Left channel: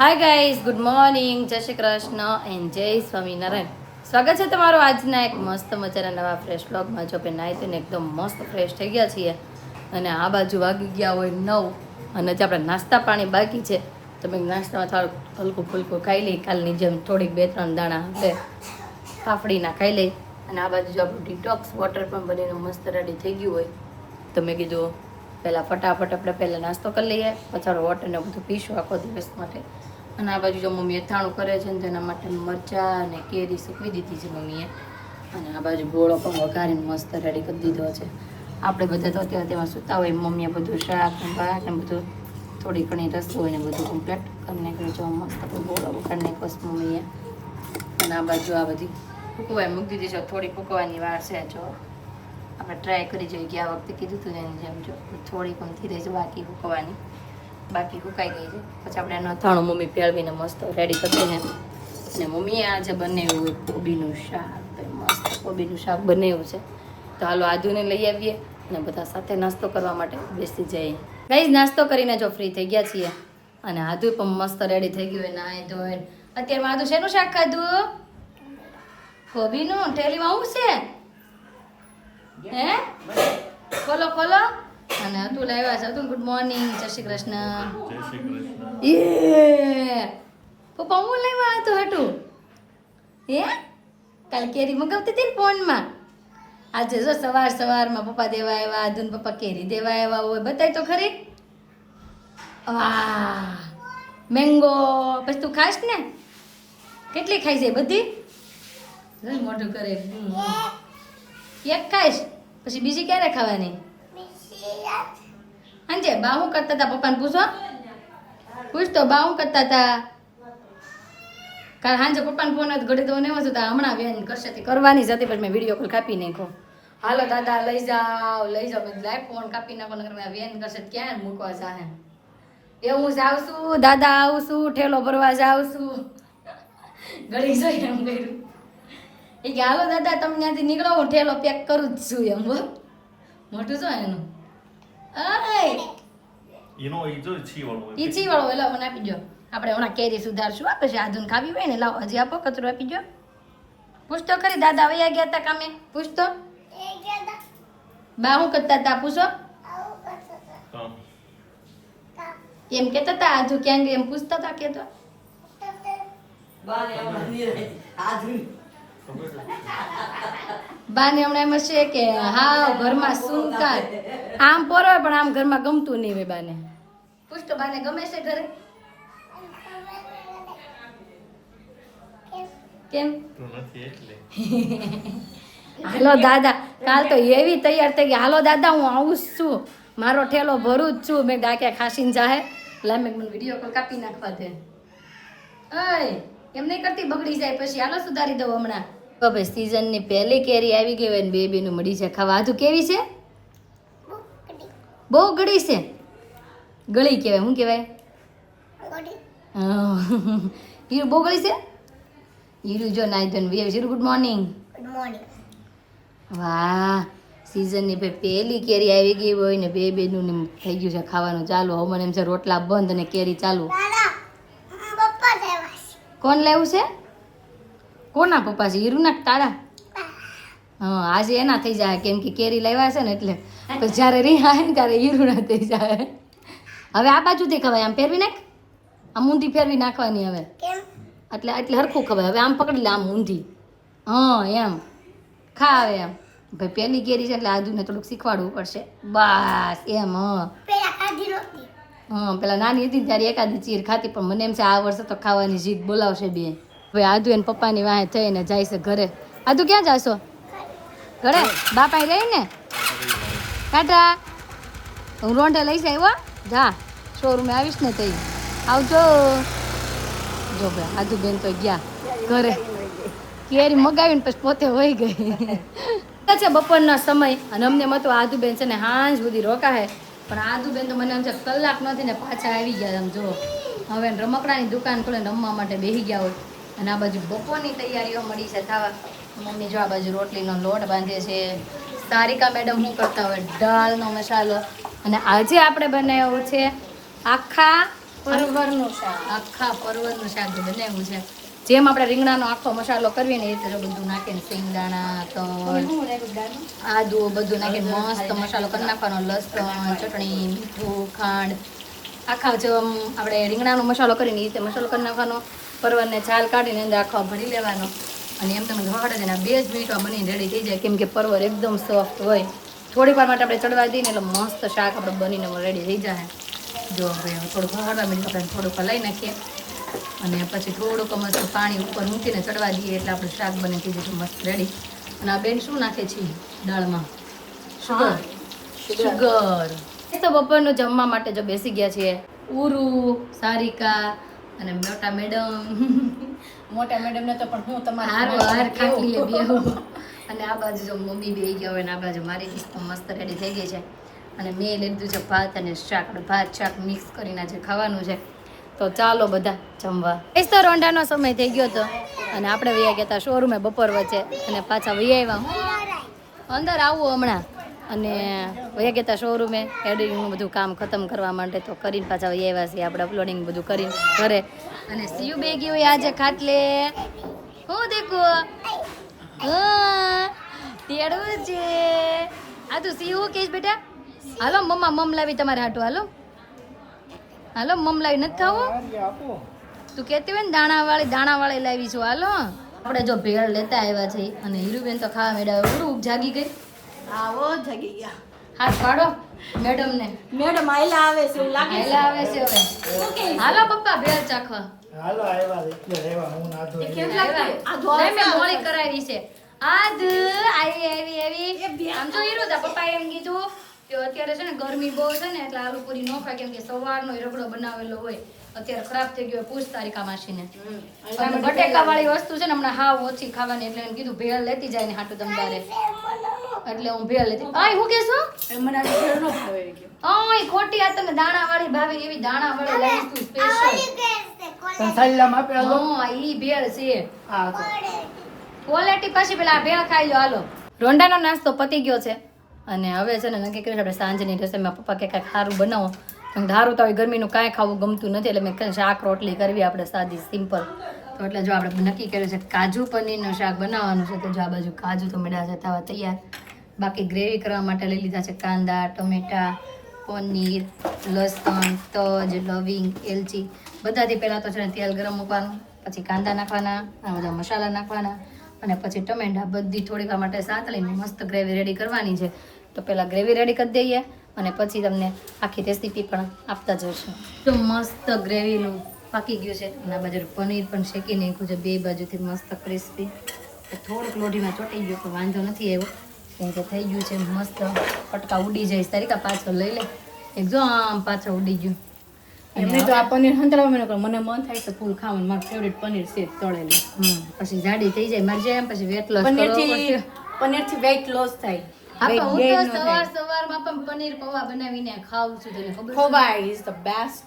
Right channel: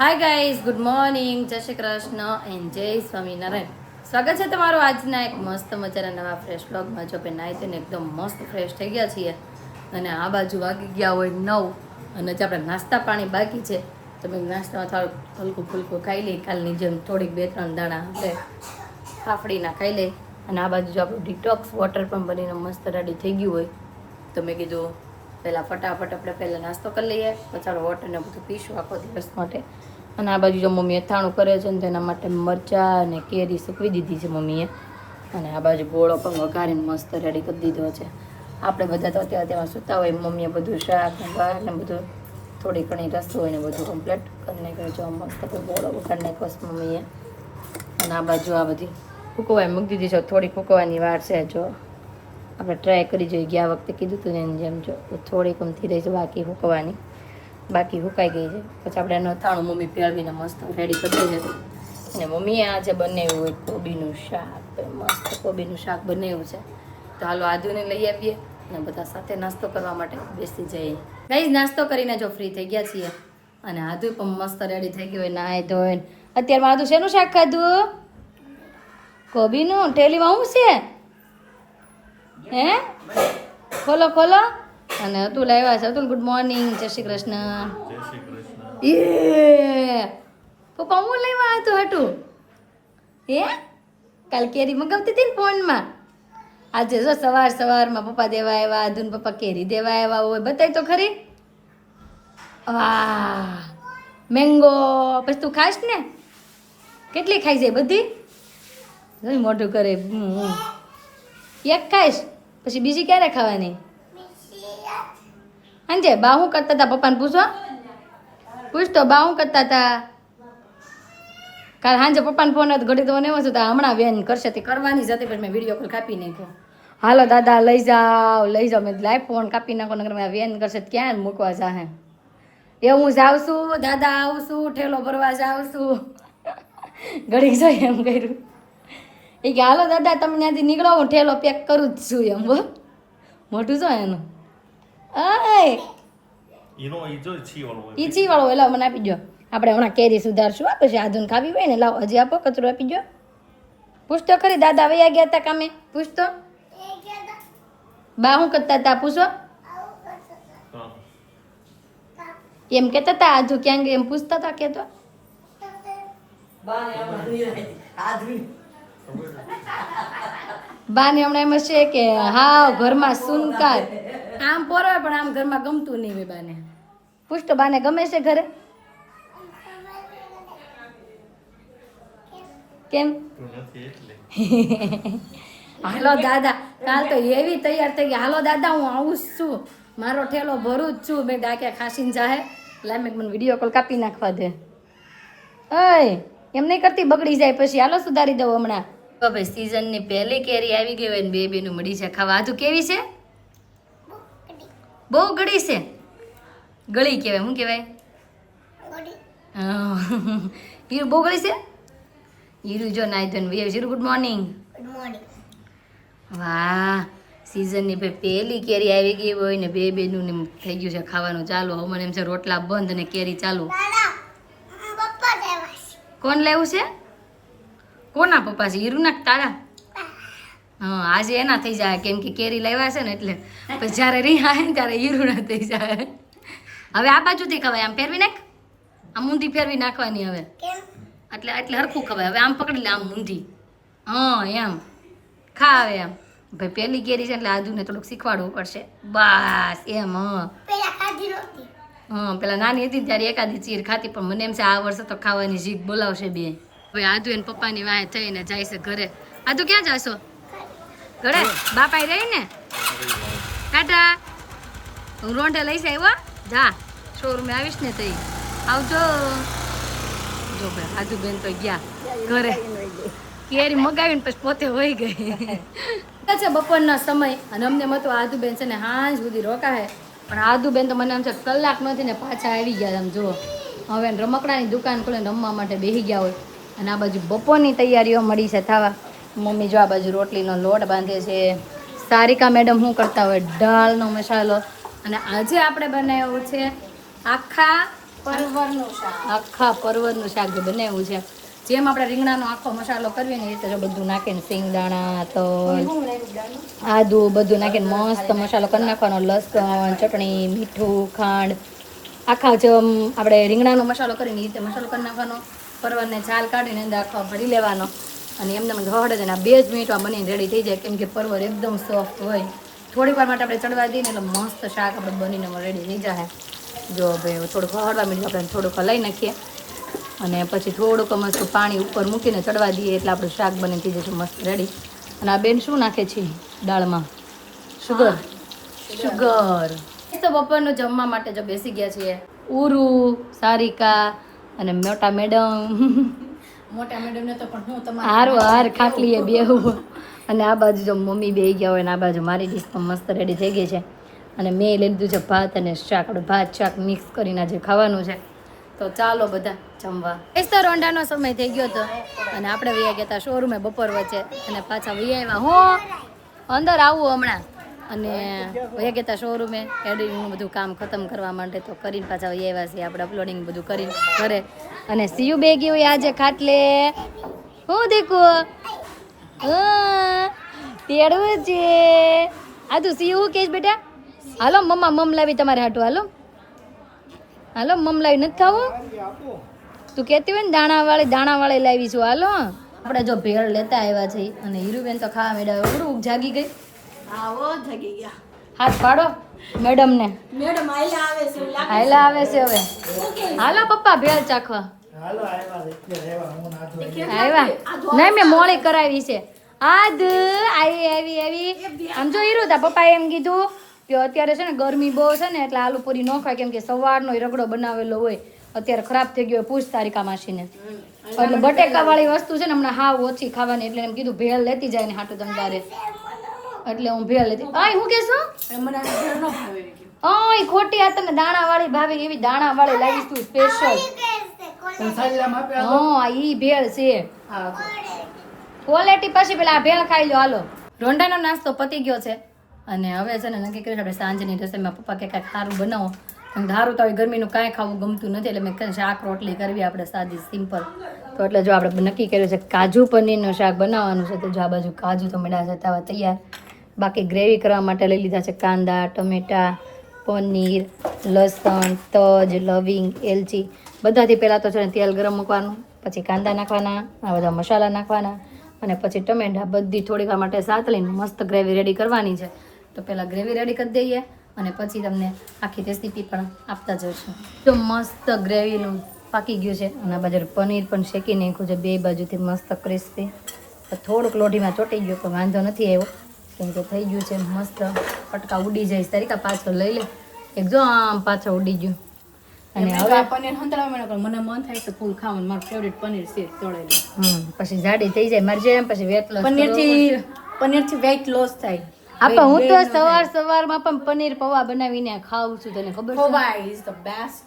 Hi guys, good morning, જય Shri Krishna and જય સ્વામિનારાયણ. સ્વાગત છે તમારું આજના એક મસ્ત મજાના નવા ફ્રેશ વ્લોગમાં. જો કે નાઈ ધોઈને એકદમ મસ્ત ફ્રેશ થઈ ગયા છીએ અને આ બાજુ વાગી ગયા હોય 9 અને જે આપણે નાસ્તા પાણી બાકી છે તો મેં નાસ્તામાં થોડુંક હલકું ફુલકું ખાઈ લઈ, કાલની જેમ થોડીક 2-3 દાણા આપણે ફાફડીના ખાઈ લઈ. અને આ બાજુ જો આપણું ડિટોક્સ વોટર પણ બનીને મસ્ત રેડી થઈ ગયું હોય તો મેં કીધું પહેલાં ફટાફટ આપણે પહેલાં નાસ્તો કરી લઈએ, પછી આપણે વોટરને બધું પીશું આખો દિવસ માટે. અને આ બાજુ જો મમ્મી અથાણું કરે છે ને તેના માટે મરચાં અને કેરી સૂકવી દીધી છે મમ્મીએ. અને આ બાજુ ગોળો પણ વઘારીને મસ્ત રેડી કરી દીધો છે. આપણે બધા તો અત્યારે તેમાં સૂતા હોય, મમ્મીએ બધું શાક ને ભાત ને બધું થોડી ઘણી રસોઈ ને બધું કમ્પ્લીટ કરી નાખ્યું. જો મસ્ત ગોળો વઘારી નાખ્યો મમ્મીએ. અને આ બાજુ આ બધી ફૂકવાઈ મૂકી દીધી છે, થોડી ફૂકવાની વાર છે. જો આપણે ટ્રાય કરી જોઈએ, ગયા વખતે કીધું હતું ને એની જેમ જો થોડીક ઊંધી રહી છે બાકી ફૂકવાની, બાકી હુકાઈ ગઈ છે. પછી આપણે એનું અથાણું મમ્મી પેળવીને મસ્ત રેડી કરી દઈએ. અને મમ્મીએ આજે બનાવ્યું હોય કોબીનું શાક, મસ્ત કોબીનું શાક બનાવ્યું છે. તો હાલો આદુને લઈ આવીએ અને બધા સાથે નાસ્તો કરવા માટે બેસી જઈએ. ગાઈઝ, નાસ્તો કરીને જો ફ્રી થઈ ગયા છીએ અને આદુ પણ મસ્ત રેડી થઈ ગયું હોય નાઈ ધોઈને. અત્યારમાં આદુ શેનું શાક ખાધું? કોબીનું. ઠેલીમાં શું છે? હે ખોલો ખોલો. અને અતુલ આવ્યા છે. અતુલ ગુડ મોર્નિંગ, જય શ્રી કૃષ્ણ. જય શ્રી કૃષ્ણ. એ પપ્પા હું લેવા હતું હટું? હે કાલ કેરી મગાવતી હતી ને ફોનમાં. આજે જો સવારમાં પપ્પા દેવા આવ્યા, આદુન પપ્પા કેરી દેવા આવ્યા હોય. બતાય તો ખરી. વાહ, મેંગો. પછી તું ખાઈશ ને? કેટલી ખાઈ જાય બધી? જોઈ મોઢું કરે. એક ખાઈશ પછી બીજી ક્યારે ખાવાની? અંજે બા શું કરતા હતા? પપ્પાને પૂછતો બા શું કરતા હતા? કારણ સાંજે પપ્પાને ફોન હતો, ઘડી તો નહીં હતા. હમણાં બેન કરશે તે કરવાની જ હતી, પછી મેં વિડીયો કોલ કાપી નાખ્યો. હાલો દાદા લઈ જાઓ મેં લાઈવ ફોન કાપી નાખો, નગર મેં બેન કરશે ક્યાં મૂકવા જાહે. એ હું જાઉં છું દાદા, આવું છું, ઠેલો ભરવા જાઉં છું. ઘડીક જોઈ એમ કર્યું. એ કે હાલો દાદા તમે ત્યાંથી નીકળો, હું ઠેલો પેક કરું જ છું એમ. બો મોટું છો એનું. ઈચી વાળો લાવ મને આપી દો. આપણે હમણાં કેરી સુધારશું, પછી આધુન ખાવી હોય ને. લાવ હજી આપો, કચરો આપી દો. પૂછતો ખરી દાદા વયા ગયા હતા કામે? પૂછતો બા શું કરતા હતા? પૂછો એમ કેતા હતા આજુ ક્યાં ગઈ એમ પૂછતા હતા. કેતો બાને હમણાં એમ છે કે હા ઘરમાં સુનકાર આમ પોરો પણ આમ ઘરમાં ગમતું નહીં હોય બાને. પૂછતો બાને ગમે છે ઘરે? કેમ? હાલો દાદા, કાલ તો એવી તૈયાર થઈ ગઈ. હાલો દાદા હું આવું જ છું, મારો ઠેલો ભરું જ છું. મેં ડાક્યા ખાસીને જાહે એટલે મેં મને વિડીયો કોલ કાપી નાખવા દે. અય એમ નહીં કરતી, બગડી જાય પછી. હાલો સુધારી દઉં હમણાં. તો ભાઈ સીઝનની પહેલી કેરી આવી ગઈ હોય ને બેબીનું મળી છે ખાવા. આધું કેવી છે? બહુ ગળી છે. ગળી કહેવાય. શું કહેવાય? હીરું બહુ ગળી છે. હીરું જો નાઈ ધોઈને હીરું ગુડ મોર્નિંગ. વાહ, સીઝનની પહેલી કેરી આવી ગઈ હોય ને બેબીનું થઈ ગયું છે ખાવાનું ચાલુ. હવે મને એમ છે રોટલા બંધ અને કેરી ચાલુ. કોણ લેવું છે? કોના પપ્પા છે? હીરુના તારા? હા, આજે એના થઈ જાય કેમ કે કેરી લાવ્યા છે ને એટલે. પછી જ્યારે રીહા ને ત્યારે હીરુના થઈ જાય. હવે આ બાજુથી ખવાય, આમ ફેરવી નાખ. આમ ઊંધી ફેરવી નાખવાની હવે, એટલે હરખું ખવાય. હવે આમ પકડી લે, આમ ઊંધી. હા એમ ખા હવે એમ. ભાઈ પહેલી કેરી છે એટલે આદુને થોડુંક શીખવાડવું પડશે. બસ એમ. હા પેલા નાની હતી ત્યારે એકાદી ચીર ખાતી, પણ મને એમ છે આ વર્ષે તો ખાવાની જીભ બોલાવશે બે. હવે આદુ એને પપ્પાની વાહે થઈને જાય છે ઘરે. આદુ ક્યાં જાશો? ઘરે બાપા રહી ને. ટાટા, હું રોંઢે લઈ જાય. હો જા, શોરૂમે આવીશ ને તઈ આવજો. જો ભાઈ આદુ બેન તો ગયા ઘરે. કેરી મગાવીને પછી પોતે વહી ગઈ છે બપોરનો સમય. અને અમને મતો આદુ બેન છે ને હાંજ સુધી રોકાય, પણ આદુ બેન તો મને એમ છે કલાક નથી ને પાછા આવી ગયા. આમ જુઓ, હવે રમકડાની દુકાન ખોલે રમવા માટે બેસી ગયા હોય. અને આ બાજુ બપોરની તૈયારીઓ મળી છે થવા. મમ્મી જો આ બાજુ રોટલીનો લોટ બાંધે છે. સારિકા મેડમ શું કરતા હોય? દાળનો મસાલો. અને આજે આપણે બનાવ્યો છે આખા પરવરનું શાક. આખા પરવરનું શાક જે બનાવ્યું છે, જેમ આપણે રીંગણાનો આખો મસાલો કરીએ ને એ રીતે જો બધું નાખીને સિંગદાણા તો શું નાખ્યું દાળમાં? આદુ બધું નાખીને મસ્ત મસાલો કરી નાખવાનો, લસણ, ચટણી, મીઠું, ખાંડ, આખા જેમ આપણે રીંગણાનો મસાલો કરીને એ રીતે મસાલો કરી નાખવાનો, પરવરને છાલ કાઢીને અંદર આખો ભરી લેવાનો અને એમને હળદે ને 2 જ મિનિટમાં બનીને રેડી થઈ જાય, કેમ કે પરવર એકદમ સોફ્ટ હોય. થોડીક વાર માટે આપણે ચડવા દઈએ ને એટલે મસ્ત શાક આપણે બનીને રેડી થઈ જાય. જો ભાઈ થોડુંક હળવા મિનિટ આપણે થોડુંક હલાવી નાખીએ અને પછી થોડુંક મસ્ત પાણી ઉપર મૂકીને ચડવા દઈએ એટલે આપણું શાક બની થઈ જશે મસ્ત રેડી. અને આ બેન શું નાખે છે દાળમાં? શુગર. શુગર. તો બપોરનું જમવા માટે જો બેસી ગયા છીએ ઉરુ, સારિકા અને મોટા મેડમ. મોટા મેડમ ને તો પણ હું તમારે હારું હાર ખાટલીએ બેહું. અને આ બાજુ જો મમ્મી બેહી ગયા હોય ને આ બાજુ મારી ડીશ પણ મસ્ત રેડી થઈ ગઈ છે. અને મેં લીધું છે ભાત અને શાક. આપણે ભાત શાક મિક્સ કરીને આજે ખાવાનું છે. તો ચાલો બધા જમવા. એ તો રોંડાનો સમય થઈ ગયો હતો અને આપણે વૈયા ગયા હતા શોરૂમે બપોર વચ્ચે અને પાછા વૈયા આવ્યા. હું અંદર આવું હમણાં અને વૈયા ગયા હતા શોરૂમે એડિટિંગનું બધું કામ ખતમ કરવા માટે. તો કરીને પાછા વૈયા આવ્યા છીએ આપણે અપલોડિંગ બધું કરીને ઘરે. અને સીયુ બે ગઈ હોય આજે ખાટલે. હું દેખો તેડવું છે આ તું સીયુ શું કહીશ બેટા? હાલો મમ્મા મમ લાવી તમારે હાટું. હાલો હાલો મમ લાવી નથી ખાવું? તું કહેતી હોય ને દાણાવાળી લાવી છું. હાલો આપણે જો ભેળ લેતા આવ્યા છે અને હીરુબેન તો ખાવા મેળવ્યા. ઉરું જાગી ગઈ. આવો જગી ગયા. હાથ પાડો મેડમ ને. મેડમ આયલા આવે છે એવું લાગે હાયલા આવે છે હવે. હાલો પપ્પા ભેળ ચાખવા આવ્યા. નહીં મેં મોળી કરાવી છે. આજ આવી આમ જો હીરો તા પપ્પાએ એમ કીધું કે અત્યારે છે ને ગરમી બહુ છે ને એટલે આલુ પૂરી ન ખાય, કેમ કે સવારનો રગડો બનાવેલો હોય અત્યારે ખરાબ થઈ ગયો. પૂછ તારીકા માસીને. એટલે બટેકા વાળી વસ્તુ છે ને હમણાં હાવ ઓછી ખાવાની, એટલે એમ કીધું ભેળ લેતી જાય ને હાટું તમ તારે. એટલે હું ભેળ લેતી. આય હું કેશું? મને આ ભેળ ન ભાવે ગયો. આય ખોટી આ તમને દાણા વાળી ભાવે એવી દાણા વાળી લાગી તું સ્પેશિયલ. હા ઈ ભેળ છે. ક્વોલિટી પછી પેલા આ ભેળ ખાઈ લો. હાલો રોંડાનો નાસ્તો પતી ગયો છે અને હવે છે ને નક્કી કર્યું આપણે સાંજની રસોઈમાં પપ્પા કે કાંઈક સારું બનાવો. ધારું તો હવે ગરમીનું કાંઈ ખાવું ગમતું નથી એટલે મેં શાક રોટલી કરવી આપણે સાદી સિમ્પલ. તો એટલે જો આપણે નક્કી કર્યું છે કાજુ પનીરનું શાક બનાવવાનું છે. તો જો આ બાજુ કાજુ તો મેળા જતા હોય તૈયાર. બાકી ગ્રેવી કરવા માટે લઈ લીધા છે કાંદા, ટમેટા, પનીર, લસણ, તજ, લવિંગ, એલચી. બધાથી પહેલાં તો છે ને તેલ ગરમ મૂકવાનું, પછી કાંદા નાખવાના, આ બધા મસાલા નાખવાના અને પછી ટમેટા બધી થોડીક વાર માટે સાતળીને મસ્ત ગ્રેવી રેડી કરવાની છે. તો પહેલાં ગ્રેવી રેડી કરી દઈએ અને પછી તમને આખી રેસીપી પણ આપતા જઈશું. તો મસ્ત ગ્રેવીનું પાકી ગયું છે અને આ બાજુ પનીર પણ શેકી નાખ્યું છે બે બાજુથી મસ્ત ક્રિસ્પી. થોડુંક લોઢીમાં ચોંટી ગયું તો વાંધો નથી આવ્યો, કેમ કે થઈ ગયું છે મસ્ત. કટકા ઉડી જાય તારીકા પાછળ લઈ લે. એક જો આમ પાછળ ઉડી ગયું. એમને તો આ પનીર હંતરાવ મને મન થાય છે ફૂલ ખાવાનું. મારું ફેવરિટ પનીર છે તળેલું. પછી જાડી થઈ જાય મારી જેમ. પછી વેટ લોસ પનીરથી વેઇટ લોસ થાય. આપા હું તો સવારમાં પણ પનીર પૌવા બનાવીને ખાઉં છું. તને ખબર છે? ખોવા ઇઝ ધ બેસ્ટ.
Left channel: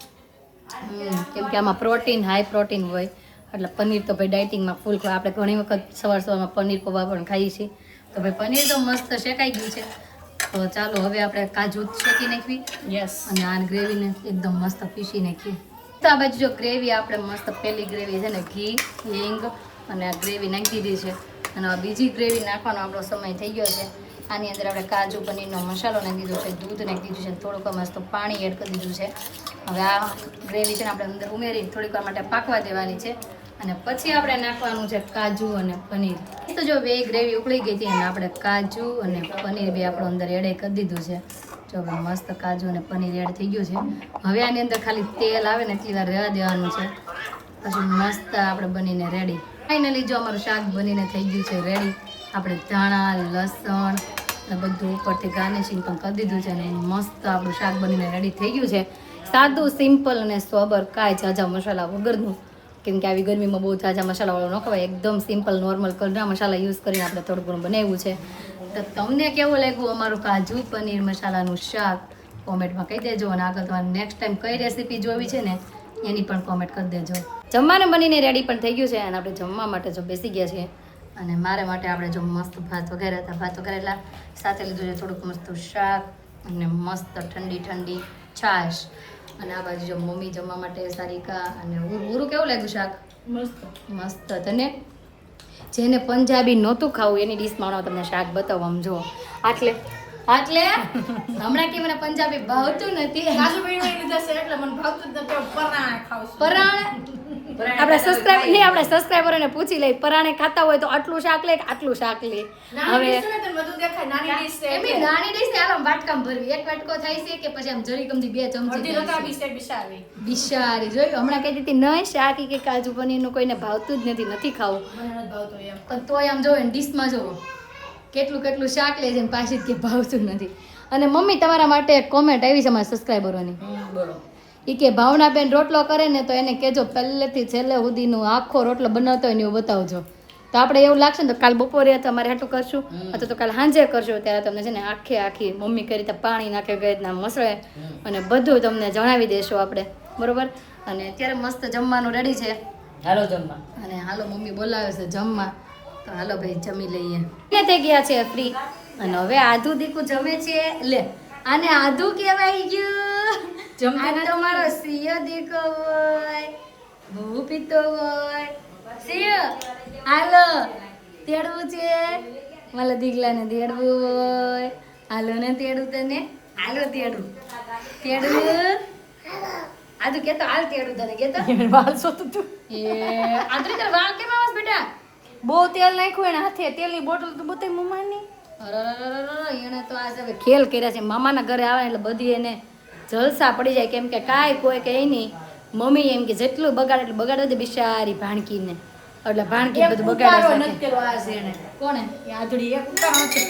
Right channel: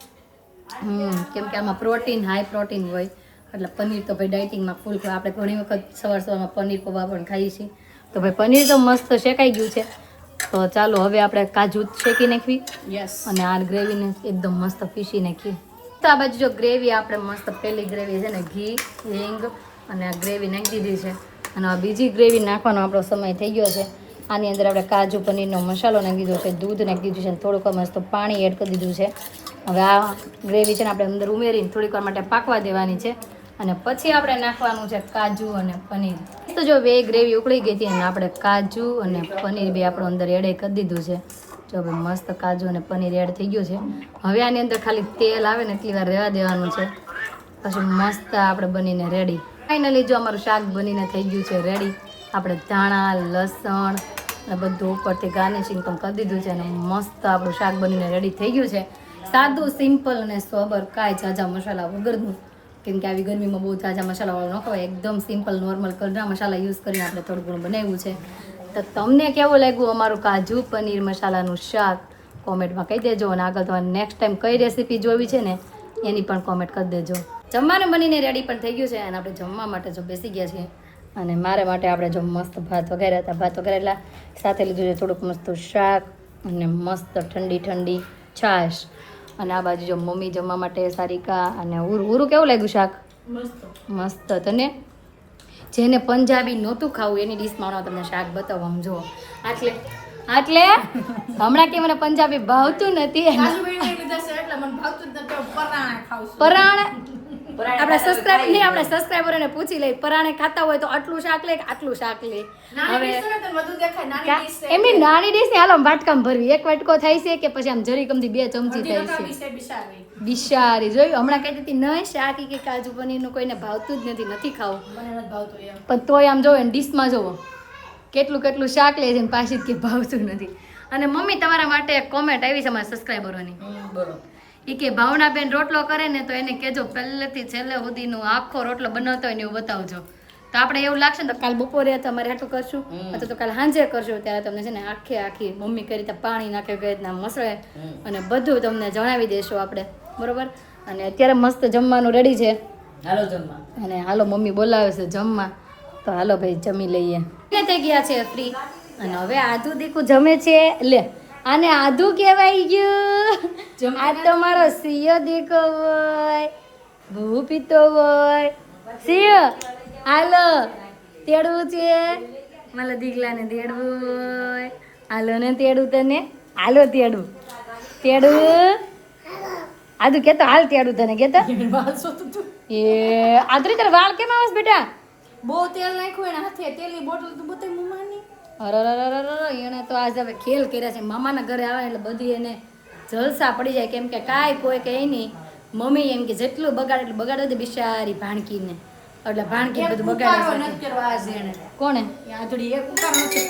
કેમ કે આમાં પ્રોટીન હાઈ પ્રોટીન હોય એટલે પનીર તો ભાઈ ડાયટિંગમાં ફૂલ ખાય. આપણે ઘણી વખત સવારમાં પનીર પૌવા પણ ખાઈએ છીએ. તો ભાઈ પનીર તો મસ્ત શેકાઈ ગયું છે. તો ચાલો હવે આપણે કાજુ શેકી નાખવી. યસ. અને આ ગ્રેવીને એકદમ મસ્ત પીસી નાખી. તો આ બાજુ જો ગ્રેવી આપણે મસ્ત પહેલી ગ્રેવી છે ને ઘી, હિંગ અને આ ગ્રેવી નાખી દીધી છે અને આ બીજી ગ્રેવી નાખવાનો આપણો સમય થઈ ગયો છે. આની અંદર આપણે કાજુ પનીરનો મસાલો નાખી દીધો છે, દૂધ નાખી દીધું છે, થોડુંક મસ્ત પાણી એડ કરી દીધું છે. હવે આ ગ્રેવી છે ને આપણે અંદર ઉમેરીને થોડીક વાર માટે પાકવા દેવાની છે અને પછી આપણે નાખવાનું છે કાજુ અને પનીર. તો જો બે ગ્રેવી ઉકળી ગઈ હતી અને આપણે કાજુ અને પનીર બે આપણું અંદર એડ કરી દીધું છે. જો હવે મસ્ત કાજુ અને પનીર એડ થઈ ગયું છે. હવે આની અંદર ખાલી તેલ આવે ને એટલી વાર રહેવા દેવાનું છે, પછી મસ્ત આપણે બનીને રેડી. ફાઇનલી જો અમારું શાક બનીને થઈ ગયું છે રેડી. આપણે ધાણા, લસણ અને બધું ઉપરથી ગાર્નિશિંગ પણ કરી દીધું છે અને મસ્ત આપણું શાક બનીને રેડી થઈ ગયું છે. સાદું, સિમ્પલ અને સોબર, કાંઈ ઝાઝા મસાલા વગરનું. કેમ કે આવી ગરમીમાં બહુ ઝાઝા મસાલાવાળું ન ખવાય. એકદમ સિમ્પલ નોર્મલ ઘરના મસાલા યુઝ કરીને આપણે થોડું ઘણું બનાવ્યું છે. તો તમને કેવું લાગ્યું અમારું કાજુ પનીર મસાલાનું શાક કોમેન્ટમાં કહી દેજો. અને આગળ તમારે નેક્સ્ટ ટાઈમ કઈ રેસીપી જોવી છે ને એની પણ કોમેન્ટ કરી દેજો. જમવાનું બનીને રેડી પણ થઈ ગયું છે અને આપણે જમવા માટે જો બેસી ગયા છીએ. અને મારે માટે આપણે જો મસ્ત ભાત વગેરે હતા, ભાત વગેરેલા સાથે લીધું છે થોડુંક મસ્ત શાક અને મસ્ત ઠંડી ઠંડી છાશ. અને આ બાજુ જો મમ્મી જમવા માટે સારિકા અને ઉરું કેવું લાગ્યું શાક મસ્ત. મસ્ત. તને જેને પંજાબી નહોતું ખાવું એની ડીશમાં હું તમને શાક બતાવું આમ જો આટલે હમણાં કે મને પંજાબી ભાવતું નથી કાજુભાઈને લીધા છે એટલે મને ભાવતું જ નથી. પરાણે ખાઉં છું. પરાણે આપણે સબસ્ક્રાઈબરોને પૂછી લઈ પરાણે ખાતા હોય તો આટલું શાક લે કે આટલું શાક લે નાની હવે dish છે ને તો બધું દેખાય. નાની dish છે એમની નાની ડીશ ને હાલો વાટકામ ભરવી એક વાટકો થાય છે કે પછી આમ જરી કમથી 2 ચમચી અડધી થાય રકાબી છે છે બિચારી. બિચારી જોયું હમણાં કહેતી હતી નહીં શાક ઈ કે કાજુ પનીરનું કોઈને ભાવતું જ નથી ખાવું મને નથી ભાવતું એમ. પણ તોય આમ જોવો ને ડીશમાં જોવો કેટલું શાક લે છે ને પાછી જ કે ભાવતું નથી. અને મમ્મી તમારા માટે એક કોમેન્ટ આવી છે અમારા સબસ્ક્રાઈબરોની બોલો. ઈ કે ભાવનાબેન રોટલો કરે ને તો એને કહેજો પહેલેથી છેલ્લે સુધીનું આખો રોટલો બનાવતો હોય ને એવું બતાવજો તો આપણે એવું લાગશે ને તો કાલ બપોરે તમારે હાટું કરશું અથવા તો કાલ સાંજે કરશું ત્યારે તમને છે ને આખી મમ્મી કઈ રીતે પાણી નાખે કઈ રીતના મસળે અને બધું તમને જણાવી દેશું આપણે બરોબર. અને અત્યારે મસ્ત જમવાનું રેડી છે હાલો જમવા. અને હાલો મમ્મી બોલાવે છે જમવા તો હાલો ભાઈ જમી લઈએ. ને થઈ ગયા છે ફ્રી અને હવે આધુ દીકુ જમે છે લે આને આધુ કહેવાય ગયું આ તમારો સિંહ દેખો હોય ભૂ પીતો હોય સિંહ હાલો તેડવું છે મારા દીકલાને તેડવું હોય હાલો ને તેડવું તને હાલો તેડવું આધુ કેતો હાલ તેડવું તને કેતો વાળ સોતું તું. એ આદરી તાર વાળ કેમ આવસ બેટા બહુ તેલ નાખ્યું એને હાથે. તેલની બોટલ તો બતાવી મમ્માની. અરરરરરર, એને તો આજ હવે ખેલ કર્યા છે મામાના ઘરે આવે એટલે બધી એને જલસા પડી જાય કેમ કે કાંઈ કોઈ કહે નહીં મમ્મી એમ કે જેટલું બગાડે એટલું બગાડે દે બિચારી ભાણકીને એટલે ભાણકી બધું ઉતારો બગાડે નથી કર્યો આજ એને. કોણે એ આધડી એક ઉતારો નથી.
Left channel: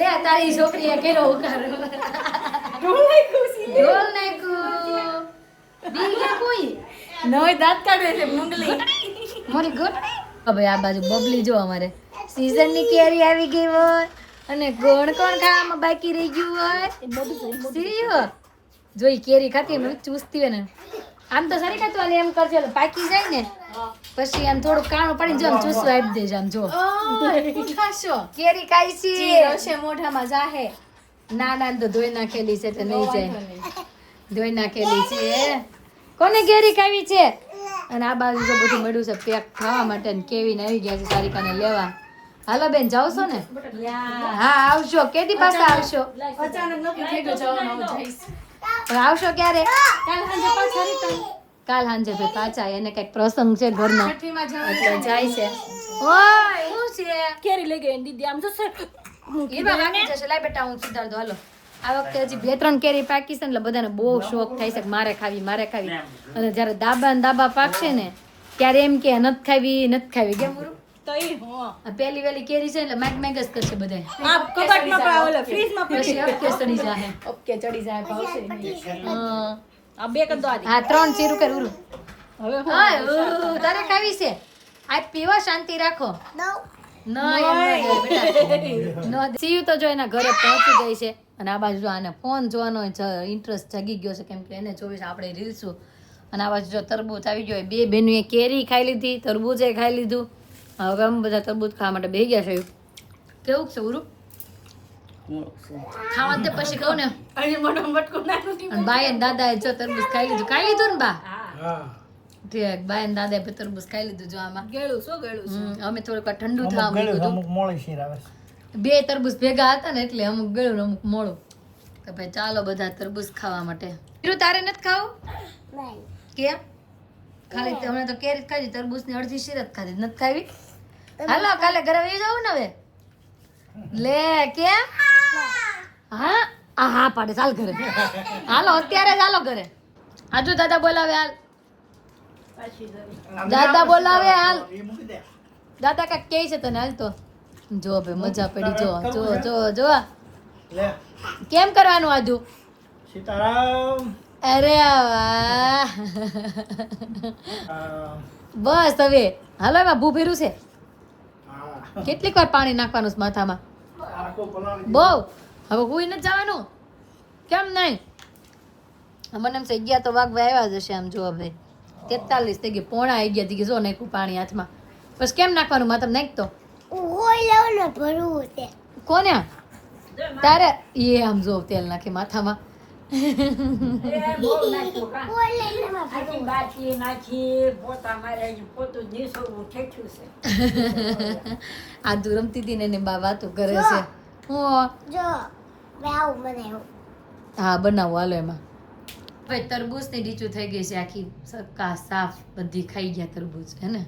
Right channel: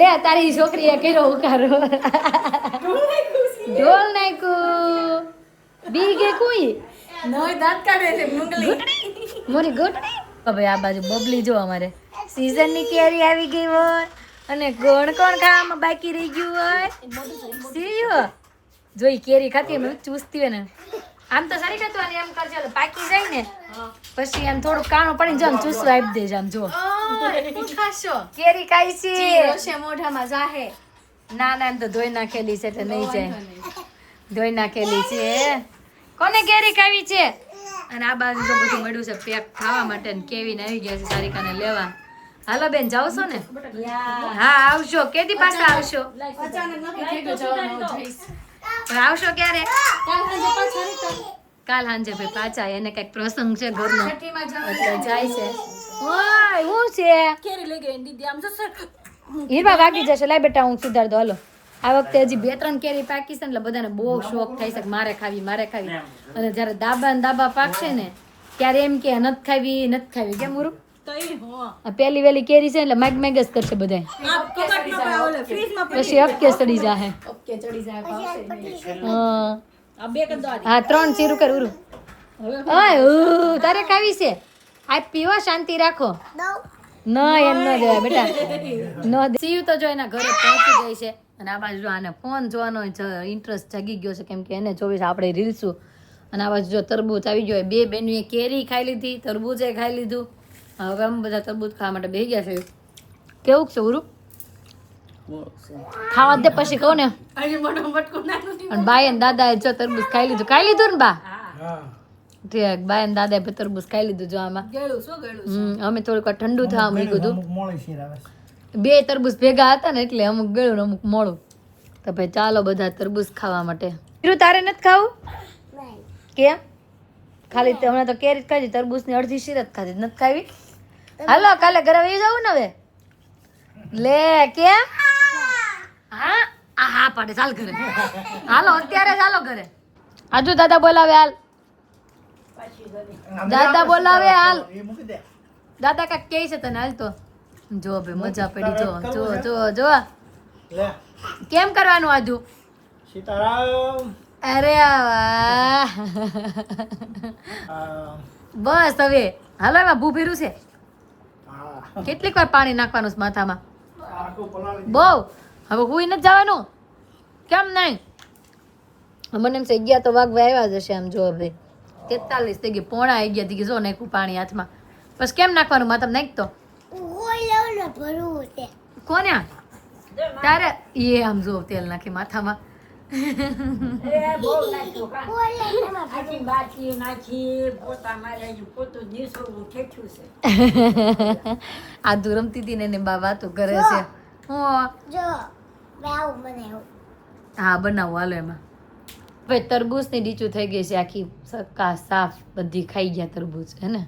લે તારી છોકરીએ કર્યો ઉકારો ઢોલ નાખ્યું છે. ઢોલ નાખ્યું બી કે કોઈ નોય દાંત કાઢે છે મુંગલી. મોરી ગુડ હવે આ બાજુ બબલી જો અમારે સીઝનની કેરી આવી ગઈ હોય અને કોણ ખાવામાં બાકી રહી ગયું હોય સીયો જોઈ કેરી ખાતી એમ ચૂસતી હોય ને આમ તો સરી ખાતું અને એમ કરજો એટલે પાકી જાય ને પછી આમ થોડું કાણું પડીને જો આમ ચૂસવા આપી દેજો આમ જો ખાશો. કેરી ખાઈ છે હશે મોઢામાં જાહે. ના એમ તો ધોઈ નાખેલી છે તો નહીં જાય ધોઈ નાખેલી છે કોને કેરી ખાવી છે અને આ બાજુ તો બધું મળ્યું છે પેક ખાવા માટે ને કેવીને આવી ગયા છે સારિકાને લેવા હાલો બેન જાવ છો ને હા આવશો કેદી પાછા આવશો અચાનક નક્કી થઈ ગયું જવાનું. હવે જઈશ. પણ આવશો ક્યારે કાલ સાંજે પાછા return. કાલ સાંજે ભાઈ પાછા એને કઈક પ્રસંગ છે ઘરનો છઠ્ઠીમાં જવાનું. એટલે જાય છે ઓય શું છે કેરી લઈ ગઈ દીદી આમ જશે. હીરવા વાગી જશે લાય બેટા હું સુધાર દો હાલો આ વખતે હજી 2-3 કેરી પાકી છે ને એટલે બધાને બહુ શોખ થાય છે કે મારે ખાવી અને જ્યારે દાબા પાકશે ને ત્યારે એમ કે નથી ખાવી કેમ ઉરું તઈ હો. આ પહેલી વેલી કેરી છે એટલે માગ જ કરશે બધાય આ કબાટમાં પણ ઓલે ફ્રીજમાં પછી અપકે સડી જાહે ઓકે ચડી જાય ભાવશે નહીં. હા આ બે કદ દો આજી. હા 3 ચીરું કર ઉરું હવે ઓય તારે ખાવી છે આ પીવા શાંતિ રાખો ન એમ ન જાય બેટા ન સીયુ તો જો એના ઘરે પહોંચી ગઈ છે અને આ બાજુ જો આને ફોન જોવાનો ઇન્ટરેસ્ટ જાગી ગયો છે કેમ કે એને 24 આપણે રીલશું અને આ બાજુ જો તરબૂચ આવી ગયો બે બેનુએ કેરી ખાઈ લીધી તરબૂચે ખાઈ લીધું હવે અમે બધા તરબૂચ ખાવા માટે બેસી ગયા છે કેવું છે ઉરું ખાવા દે પછી કહું ને અહીં મોઢું મટકું નાનું થી. અને બાઈ અને દાદાએ જો તરબૂચ ખાઈ લીધું ને બા હા. ઠીક બાઈ અને દાદાએ પણ તરબૂચ ખાઈ લીધું જો આમાં ગળ્યું શું ગળ્યું. અમે થોડીક વાર ઠંડુ થવા મૂક્યું હતું બે તરબૂચ ભેગા હતા ને એટલે અમુક ગળ્યું ને અમુક મોડું તો ભાઈ ચાલો બધા તરબૂચ ખાવા માટે તારે નથી ખાવું કેમ ખાલી હમણાં તો કેરી જ ખાધી તરબૂચ ની અડધી શીરત ખાધી નથી ખાવી હાલો કાલે ઘરે વહી જવું ને હવે લે કેમ હા પાડે ચાલ ઘરે હાલો અત્યારે ચાલો ઘરે આજુ દાદા બોલાવે હાલ દાદા બોલાવે હાલ દાદા કાક કે છે તને હાલ તો જો ભાઈ મજા પડી જો કેમ કરવાનું આજુ સીતારામ અરે વાહ બસ હવે હાલો એમાં ભૂભીરું છે કેટલીક વાર પાણી નાખવાનું છે માથામાં બહુ હવે હુઈ નથી જવાનું કેમ નહીં મને એમ છે 11 તો વાગવા આવ્યા જ હશે આમ જો હવે 43 થઈ ગઈ પોણા 11 થઈ ગઈ જો નાખ્યું પાણી હાથમાં પછી કેમ નાખવાનું માથામાં નાખતો કોને તારે એ આમ જો તેલ નાખે માથામાં આ તું રમતી હતી ને એને બા વાતો કરે છે હું હા બનાવું હાલો એમાં ભાઈ તરબૂચ ની ડીચું થઈ ગઈ છે આખી સક્કા સાફ બધી ખાઈ ગયા તરબૂચ હે ને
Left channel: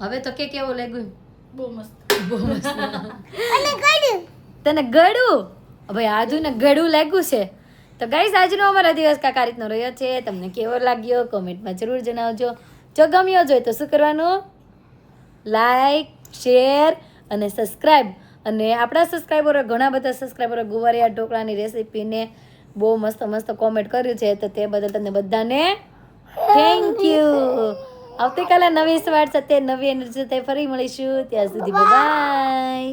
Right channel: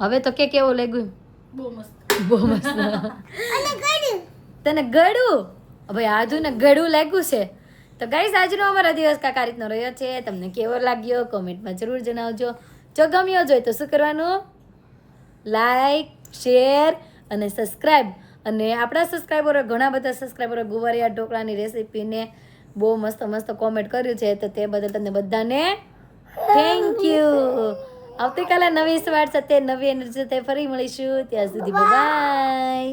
હવે તો કે કેવું લાગ્યું બહુ મસ્ત. બહુ મસ્ત તને ગળું ભાઈ આજુ ને ગળું લાગ્યું છે તો ગાઈસ આજનો અમારો દિવસ કાંઈક આ રીતનો રહ્યો છે તમને કેવો લાગ્યો કોમેન્ટમાં જરૂર જણાવજો જો ગમ્યો જોઈએ તો શું કરવાનું લાઈક શેર અને સબસ્ક્રાઈબ અને આપણા સબસ્ક્રાઈબરો ઘણા બધા સબસ્ક્રાઈબરો ગુવારિયા ઢોકળાની રેસીપીને બહુ મસ્ત મસ્ત કોમેન્ટ કર્યું છે તો તે બદલ તમને બધાને થેન્ક યુ આવતીકાલે નવી સવાર સાથે નવી એનર્જી સાથે ફરી મળીશું ત્યાં સુધી બાય